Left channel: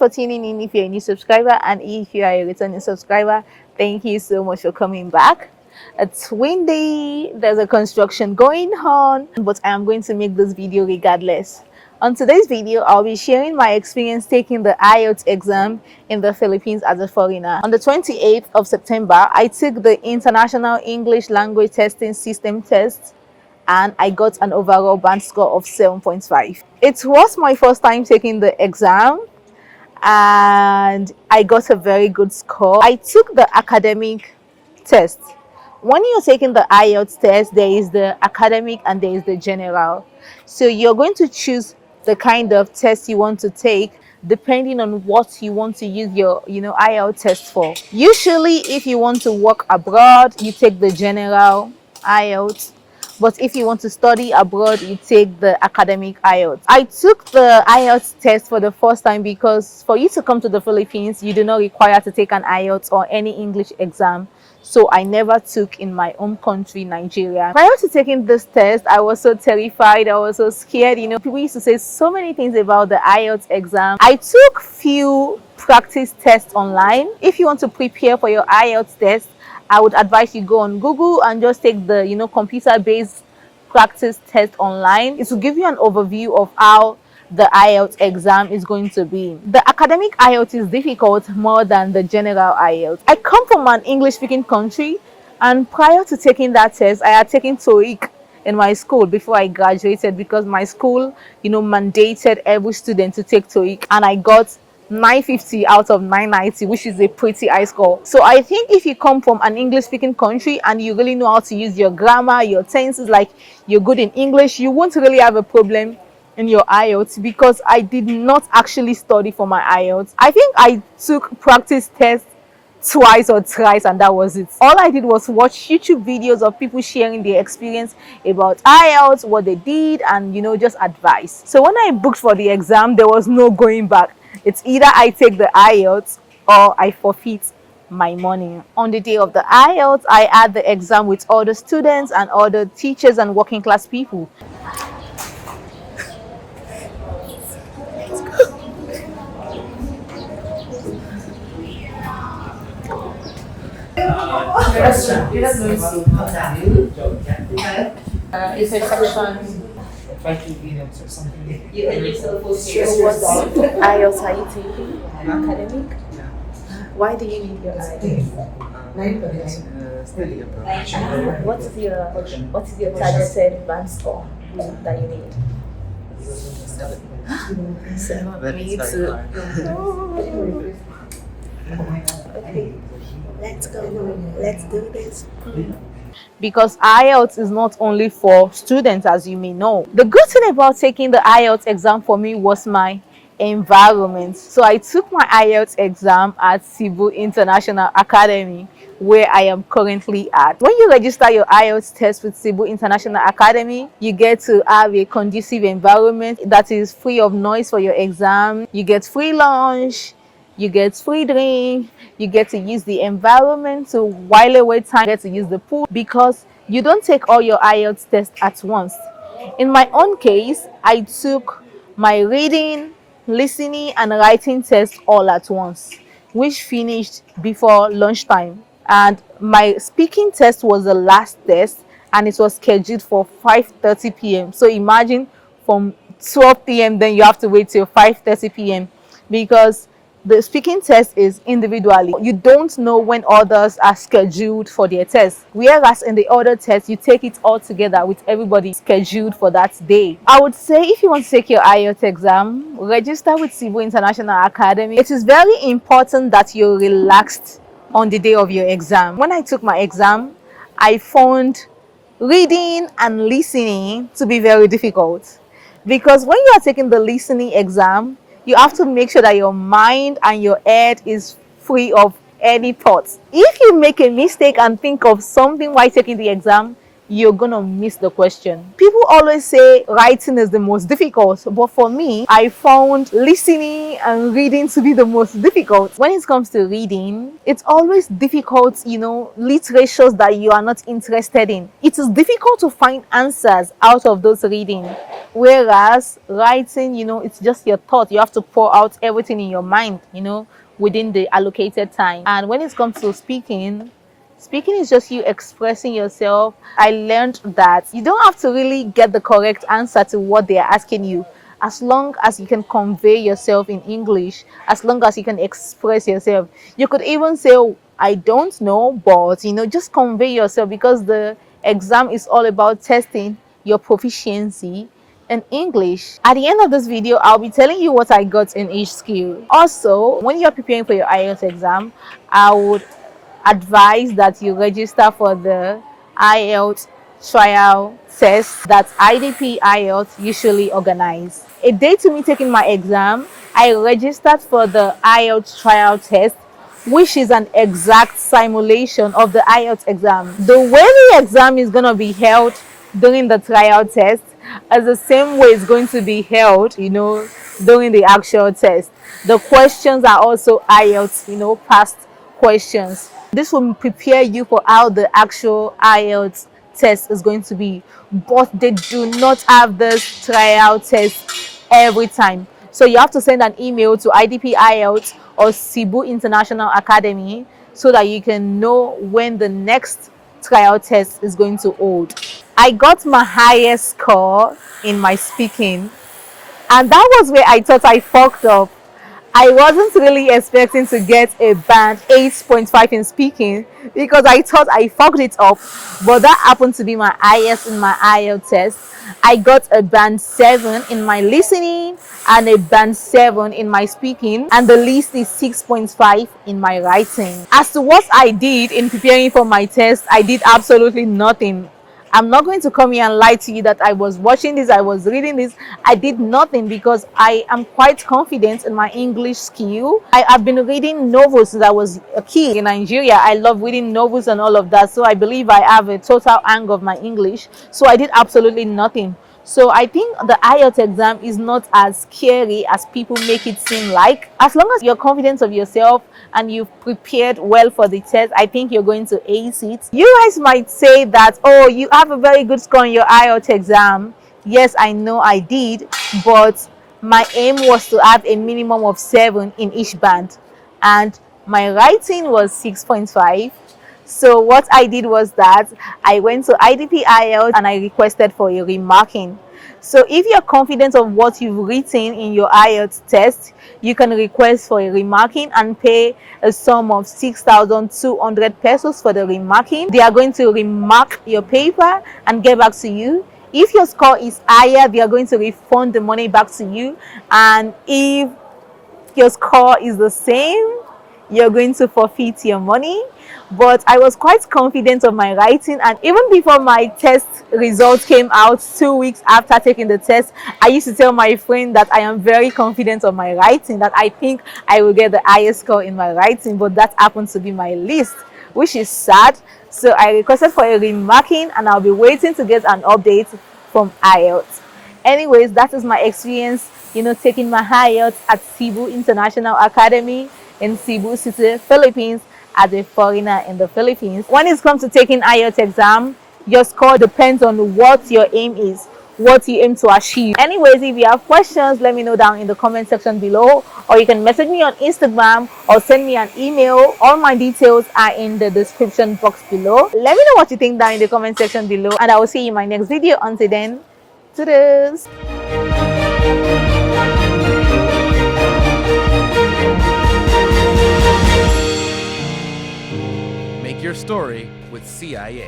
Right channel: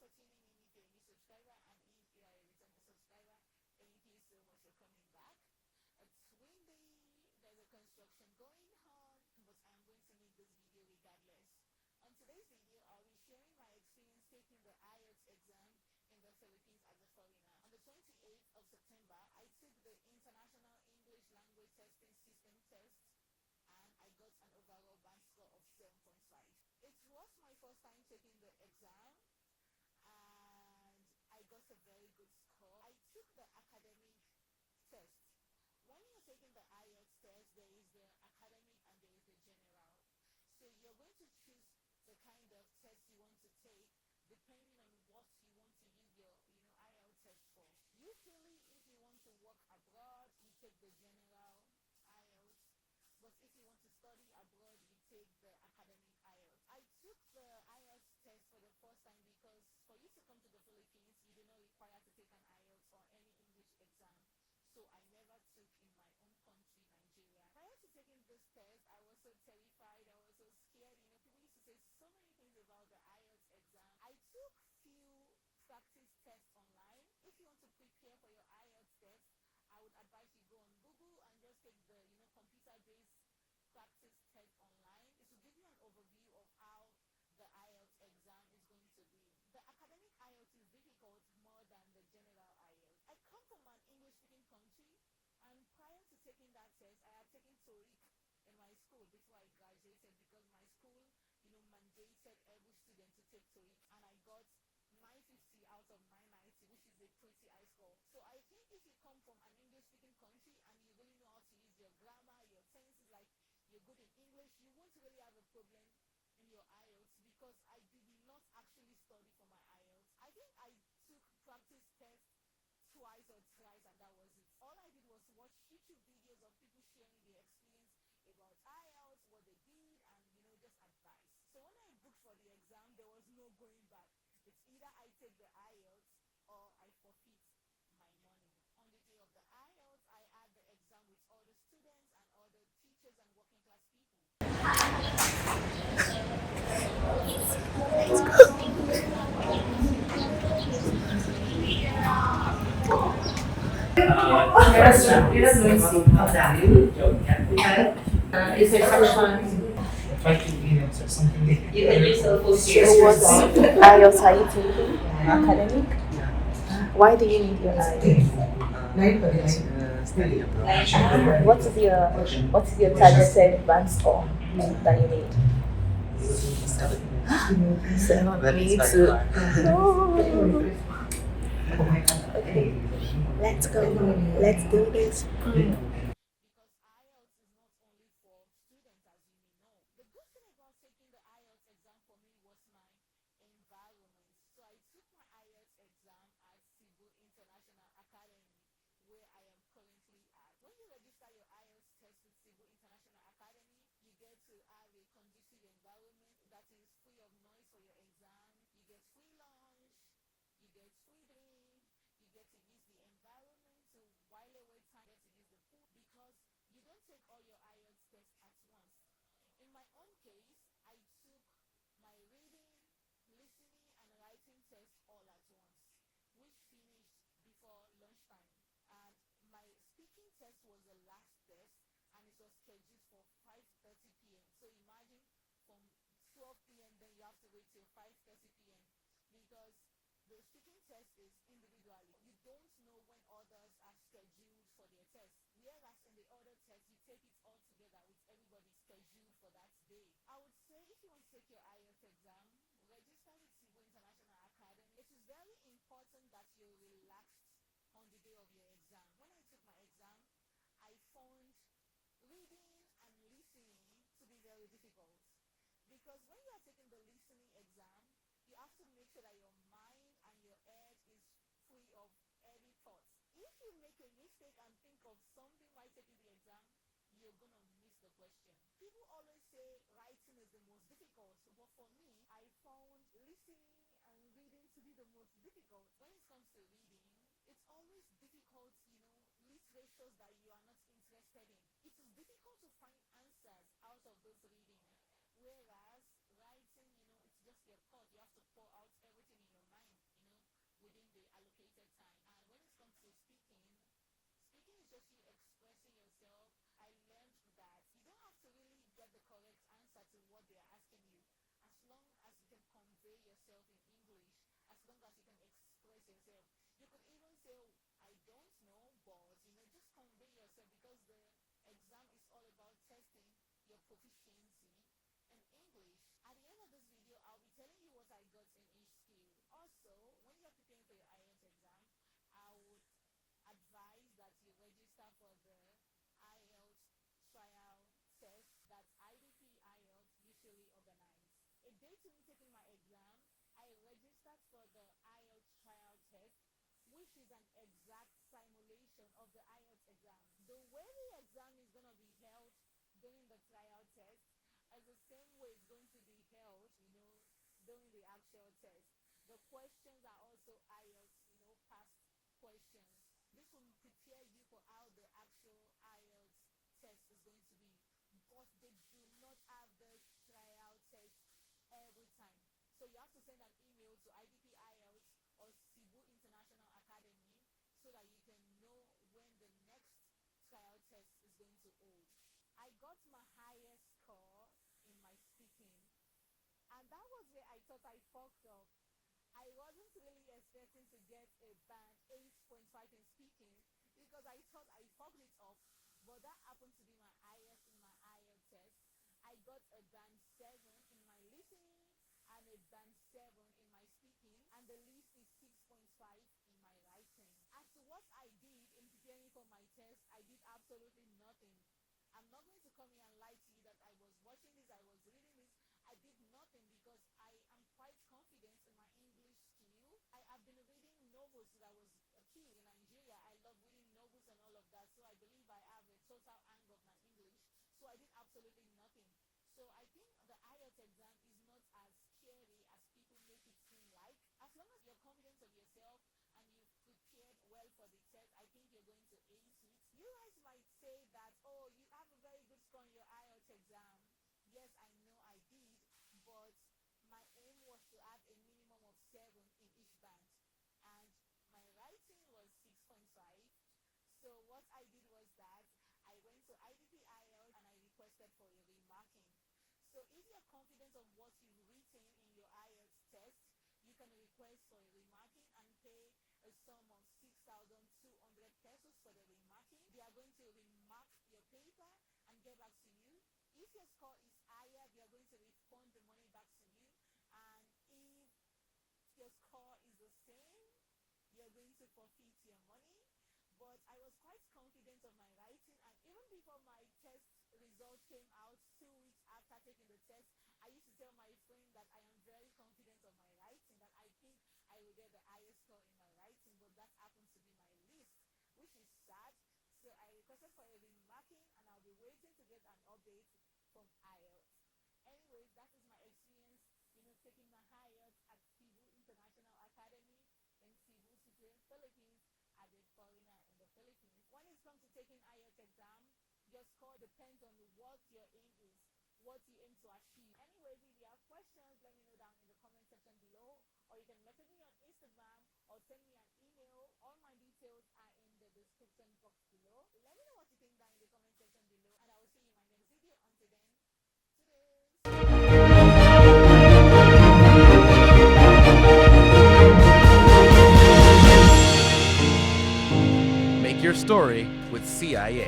much for tuning in. If you're a new subscriber and if you are a returning subscriber, thank you so much for coming back. It's windy, there's a construction going on, but I am going to make this video regardless. On today's video, I'll be sharing my experience taking the IELTS exam in the Philippines as a foreigner. On the 28th of September, I took the International English Language Testing System test and I got an overall band score of 7.5. It was my first time taking the exam and I got a very good score. I took the academic test. When you're taking the IELTS test, there is the academic and there is the general. So you're going to choose the kind of test you want to take depending on what you want to use your IELTS test for. Usually if you want to work abroad, you take the general IELTS. But if you want to study abroad, you take the academic IELTS. I took the IELTS test for the first time because for you to come to the Philippines, you do not require to take an IELTS or any English exam. So I never took in my home country, Nigeria. Prior to taking this test, I was so terrified. I was so scared. People used to say so many things about the IELTS exam. I took few practice tests online. If you want to prepare for your IELTS test, I would advise you go on Google and just take the computer-based practice test online. It will give you an overview of how the IELTS exam is going to be. The academic IELTS is difficult more than the general IELTS. I come from an English-speaking country, and prior to taking that test, I had taken TOEIC in my school before I graduated because my school, mandated every student to take TOEIC, and I got 950 out of 990, which is a pretty high score. So I think if you come from an English-speaking country and you really know how to use your grammar, your tenses, like you're good in English, you won't really have a problem in your IELTS, because I did not actually study for my IELTS. I think I took practice tests twice or thrice and that was it. All I did was watch YouTube videos of people sharing their experience about IELTS, what they did, and just advice. So when I booked for the exam, there was no going back. It's either I take the IELTS or I forfeit my money. On the day of the IELTS, I had the exam with all the students and all the teachers and working class people. Is there section 5 minutes or something? So what IELTS are you taking? Academic? Yeah. Why do you need your IELTS? Study abroad. What is your targeted band score that you need? 7. Me too. Okay, let's go. Let's do this. Because IELTS is not only for students, as you may know. The good thing about taking the IELTS exam for me was my environment. So I took my IELTS exam at Cebu International Academy, where I am currently at. When you register your IELTS test with Cebu International Academy, you get to have a conducive environment that is free of noise for your exam. You get free lunch, you get free drink, you get to use the environment to while away time, you get to use the pool, because you don't take all your IELTS tests at once. In my own case, I took my reading, listening and writing tests all at once, which finished before lunchtime. And my speaking test was the last test and it was scheduled for 5:30 p.m. So imagine from 12 p.m. then you have to wait till 5:30 p.m. because the speaking test is individually. You don't know when others are scheduled for their test. Whereas in the other test, you take it all together with everybody scheduled for that day. I would say if you want to take your IELTS exam, register with Cebu International Academy. It is very important that you're relaxed on the day of your exam. When I took my exam, I found reading and listening to be very difficult. Because when you are taking the listening exam, you have to make sure that your mind and your head is free of any thoughts. If you make a mistake and think of something while taking the exam, you're gonna miss the question. People always say writing is the most difficult, but for me, I found listening and reading to be the most difficult. When it comes to reading, it's always difficult, literatures that you are not interested in. It is difficult to find answers out of those reading. Whereas writing, it's just your thought. You have to pour out everything in your mind, within the allocated time. And when it comes to speaking is just you expressing yourself. I learned that you don't have to really get the correct answer to what they are asking you. As long as you can convey yourself in English, as long as you can express yourself. You could even say, "Oh, I don't know," but just convey yourself, because the exam is all about testing your proficiency in English. At the end of this video, I'll be telling you what I got in each skill. Also, when you're preparing for your IELTS exam, I would advise that you register for the IELTS trial test that IDP IELTS usually organize. A day to me taking my exam, I registered for the IELTS trial test, which is an exact simulation of the IELTS exam. The way the exam is going to be held during the trial test is the same way it's going to be held, during the actual test. The questions are also IELTS, past questions. This will prepare you for how the actual IELTS test is going to be. But they do not have this trial test every time. So you have to send an email to IDP IELTS or Cebu International Academy so that you can know when the next trial test is going to hold. I got my highest score in my speaking, and that was where I thought I fucked up. I wasn't really expecting to get a band 8.5 in speaking, because I thought I fucked it up, but that happened to be my highest in my IELTS test. I got a band 7 in my listening and a band 7 in my speaking, and the least is 6.5 in my writing. As to what I did in preparing for my test, I did absolutely nothing. I'm not going to come here and lie to you that I was watching this, I was reading this. I did nothing, because I am quite confident in my English skill. I've been reading novels since I was a kid in Nigeria. I love reading novels and all of that. So I believe I have a total hang of my English. So I did absolutely nothing. So I think the IELTS exam is not as scary as people make it seem like. As long as you're confident of yourself and you've prepared well for the test, I think you're going to ace it. You guys might say that, "Oh, you have a very good score in your IELTS exam." Yes, I know I did, but my aim was to have a minimum of 7 in each band, and my writing was 6.5. So what I did was that I went to IDP IELTS and I requested for a remarking. So if you're confident of what you've written in your IELTS test, you can request for a remarking and pay a sum of 6,200 pesos for the remarking. They are going to remark your paper and get back to you. If your score is higher, they are going to refund the money back to you. And if your score is the same, you're going to forfeit your money. But I was quite confident of my writing, and even before my test results came out 2 weeks after taking the test, I used to tell my friend that I am very confident of my writing, that I think I will get the highest score in my writing, but that happens to be my least, which is sad. So I requested for a remarking, and I'll be waiting to get an update from IELTS. Anyways, that is my experience, taking my IELTS at Cebu International Academy in Cebu City, Philippines, as a foreigner in the Philippines. When it comes to taking IELTS exam, your score depends on what your aim is, what you aim to achieve. Anyways, if you have questions, let me know down in the comment section below, or you can message me on Instagram or send me an email. All my details are in the description box below. Let me know what you think down in the comment section below, and I will see you in my next video. Until then, toodles. Make your story with CIA.